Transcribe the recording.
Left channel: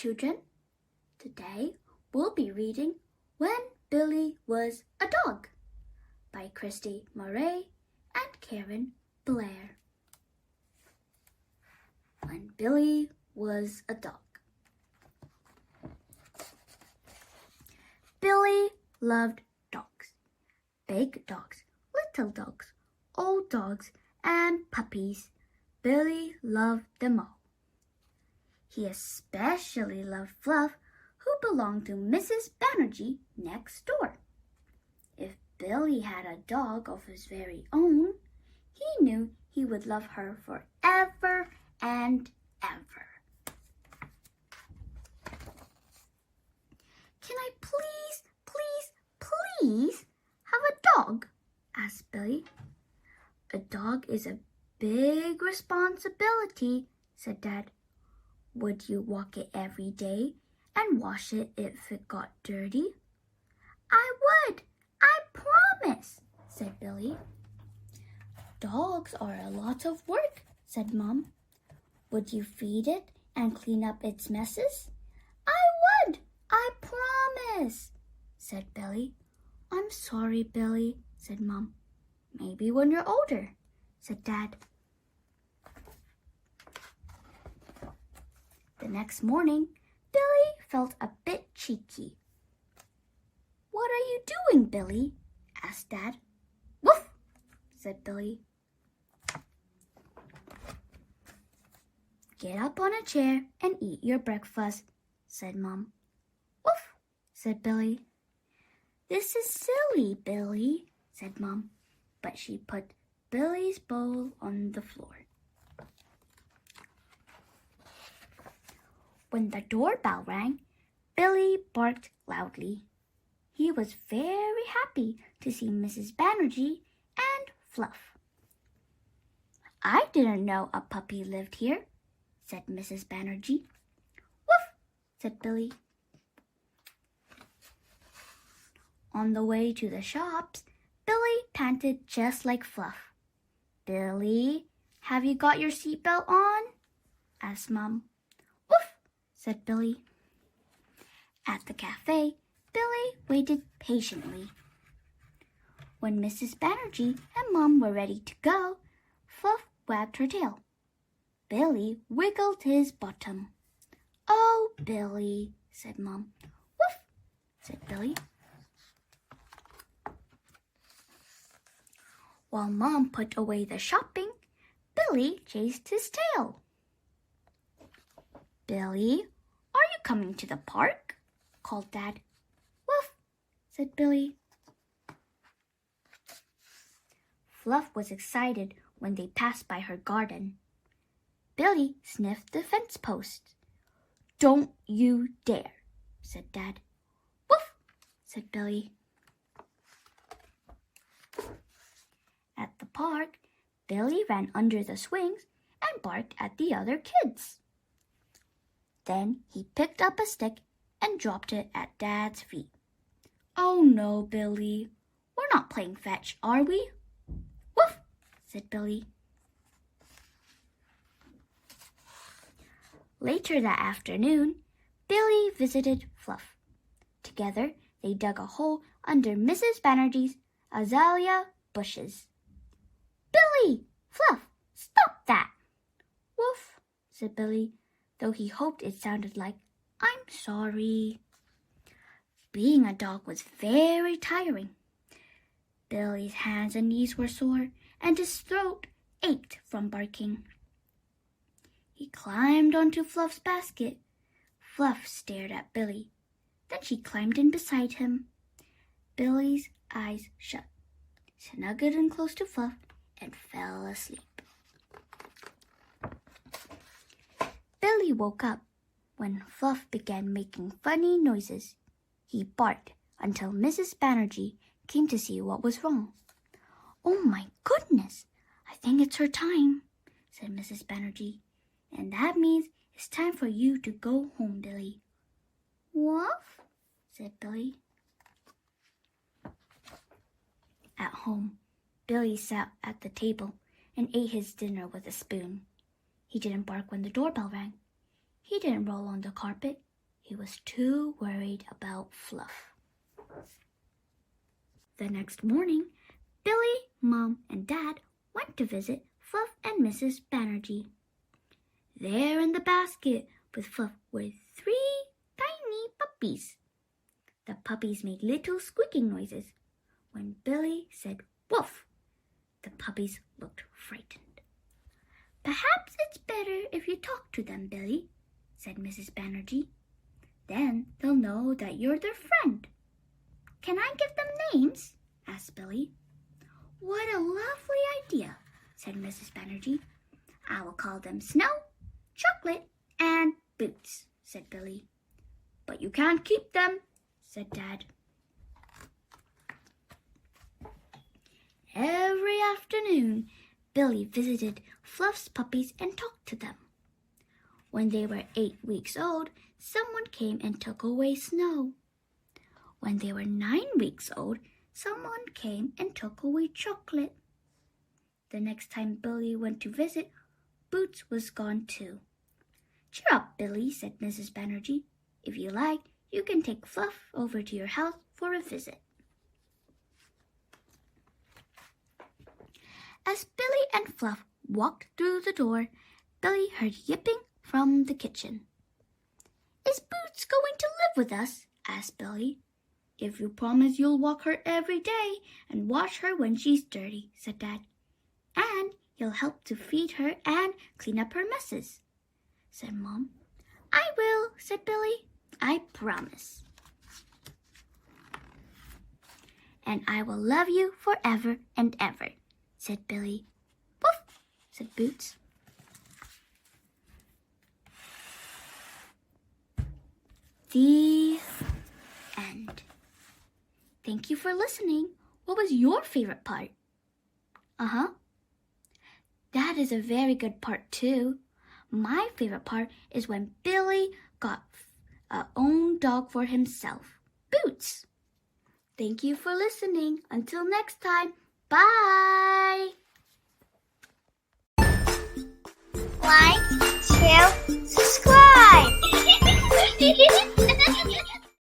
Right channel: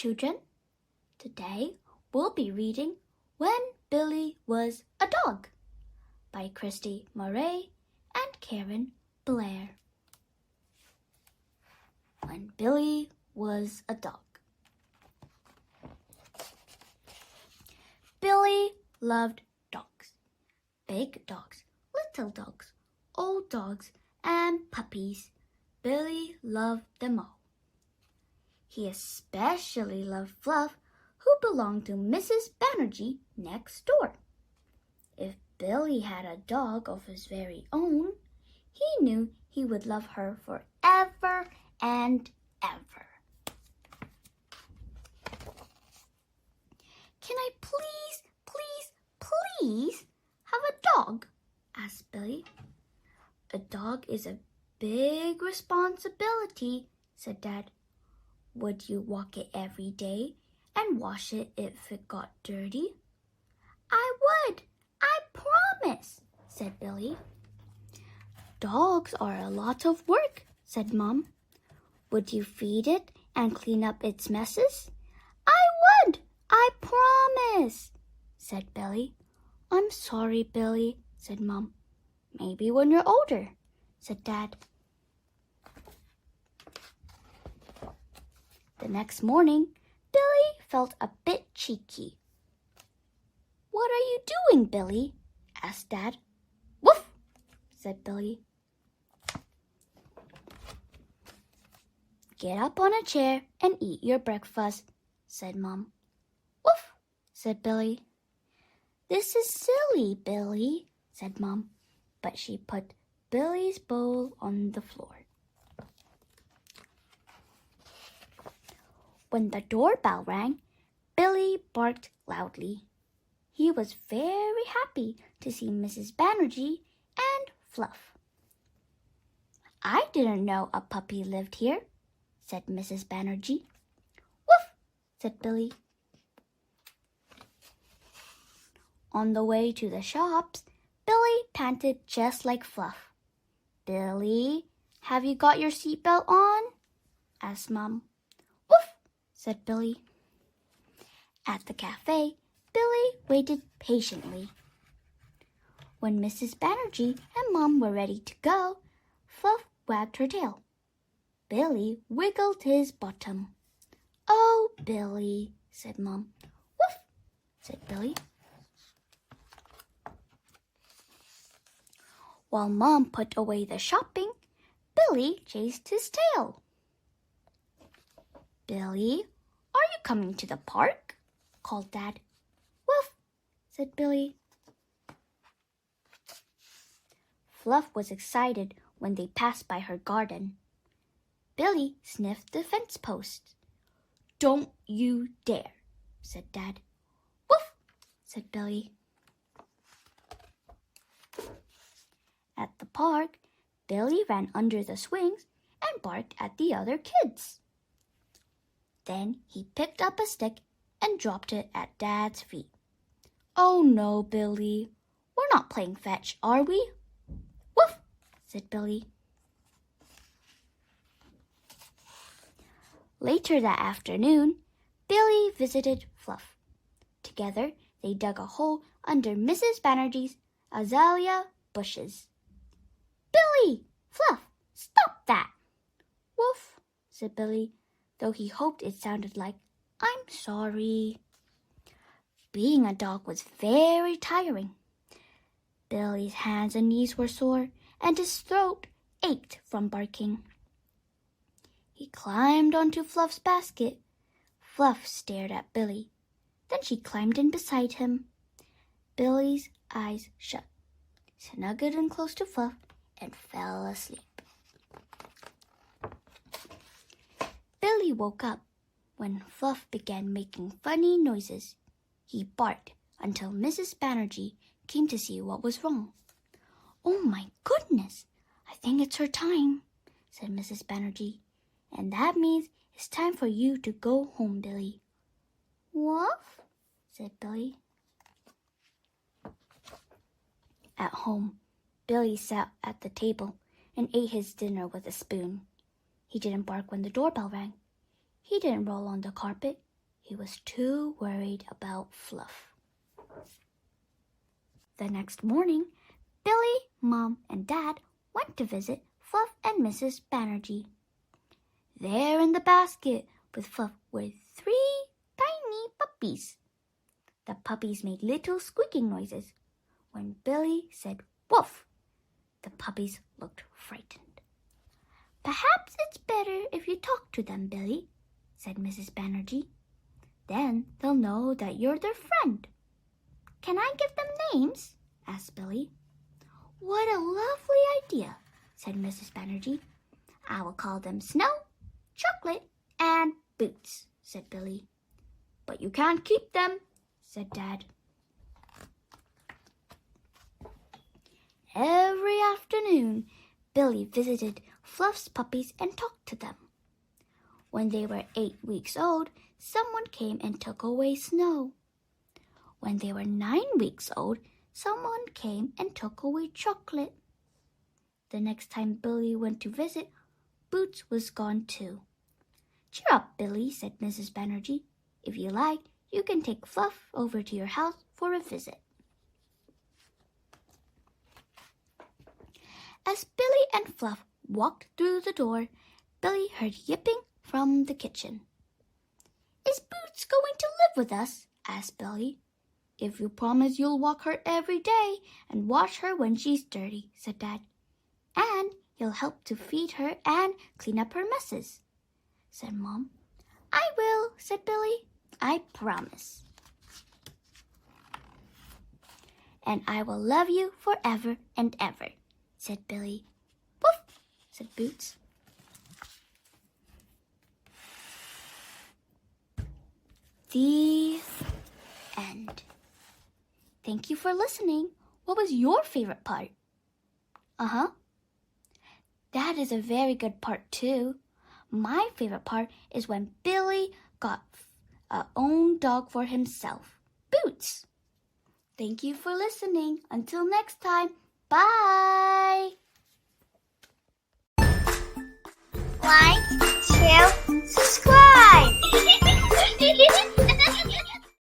children. Today we'll be reading When Billy Was a Dog by Kirsty and Karen Blair. When Billy was a dog. Billy loved dogs. Big dogs, little dogs, old dogs, and puppies. Billy loved them all. He especially loved Fluff, who belonged to Mrs. Banerjee next door. If Billy had a dog of his very own, he knew he would love her forever and ever. Can I please have a dog? Asked Billy. A dog is a big responsibility, said Dad. Would you walk it every day and wash it if it got dirty? I would, I promise, said Billy. Dogs are a lot of work, said Mom. Would you feed it and clean up its messes? I would, I promise, said Billy. I'm sorry, Billy, said Mom. Maybe when you're older, said Dad. The next morning, Billy felt a bit cheeky. What are you doing, Billy? Asked Dad. Woof, said Billy. Get up on a chair and eat your breakfast, said Mom. Woof, said Billy. This is silly, Billy, said Mom, but she put Billy's bowl on the floor. When the doorbell rang, Billy barked loudly. He was very happy to see Mrs. Banerjee and Fluff. I didn't know a puppy lived here, said Mrs. Banerjee. Woof, said Billy. On the way to the shops, Billy panted just like Fluff. Billy, have you got your seatbelt on? Asked Mom. Woof, said Billy. At the cafe, Billy waited patiently. When Mrs. Banerjee and Mom were ready to go, Fluff wagged her tail. Billy wiggled his bottom. Oh, Billy, said Mom. Woof, said Billy. While Mom put away the shopping, Billy chased his tail. Billy, are you coming to the park? Called Dad. Woof, said Billy. Fluff was excited when they passed by her garden. Billy sniffed the fence post. Don't you dare, said Dad. Woof, said Billy. At the park, Billy ran under the swings and barked at the other kids. Then he picked up a stick and dropped it at Dad's feet. Oh no, Billy. We're not playing fetch, are we? Woof, said Billy. Later that afternoon, Billy visited Fluff. Together, they dug a hole under Mrs. Banerjee's azalea bushes. Billy! Fluff! Stop that! Woof, said Billy, though he hoped it sounded like, I'm sorry. Being a dog was very tiring. Billy's hands and knees were sore, and his throat ached from barking. He climbed onto Fluff's basket. Fluff stared at Billy. Then she climbed in beside him. Billy's eyes shut, snuggled in close to Fluff, and fell asleep. Billy woke up when Fluff began making funny noises. He barked until Mrs. Banerjee came to see what was wrong. Oh my goodness, I think it's her time, said Mrs. Banerjee. And that means it's time for you to go home, Billy. Woof, said Billy. At home, Billy sat at the table and ate his dinner with a spoon. He didn't bark when the doorbell rang. He didn't roll on the carpet He was too worried about Fluff. The next morning, Billy, Mom, and Dad went to visit Fluff and Mrs. Banerjee. There in the basket with Fluff were 3 tiny puppies. The puppies made little squeaking noises. When Billy said woof, the puppies looked frightened. "Perhaps it's better if you talk to them, Billy," said Mrs. Banerjee. "Then they'll know that you're their friend." "Can I give them names?" asked Billy. "What a lovely idea," said Mrs. Banerjee. "I will call them Snow, Chocolate, and Boots," said Billy. "But you can't keep them," said Dad. Every afternoon, Billy visited Fluff's puppies and talked to them. When they were 8 weeks old, someone came and took away Snow. When they were 9 weeks old, someone came and took away Chocolate. The next time Billy went to visit, Boots was gone too. "Cheer up, Billy," said Mrs. Banerjee. "If you like, you can take Fluff over to your house for a visit." As Billy and Fluff walked through the door, Billy heard yipping from the kitchen. "Is Boots going to live with us?" asked Billy. "If you promise you'll walk her every day and wash her when she's dirty," said Dad. "And you'll help to feed her and clean up her messes," said Mom. "I will," said Billy. "I promise." "And I will love you forever and ever," said Billy. "Woof," said Boots. The end. Thank you for listening. What was your favorite part? That is a very good part too. My favorite part is when Billy got a own dog for himself, Boots. Thank you for listening. Until next time, bye. Like, share, subscribe.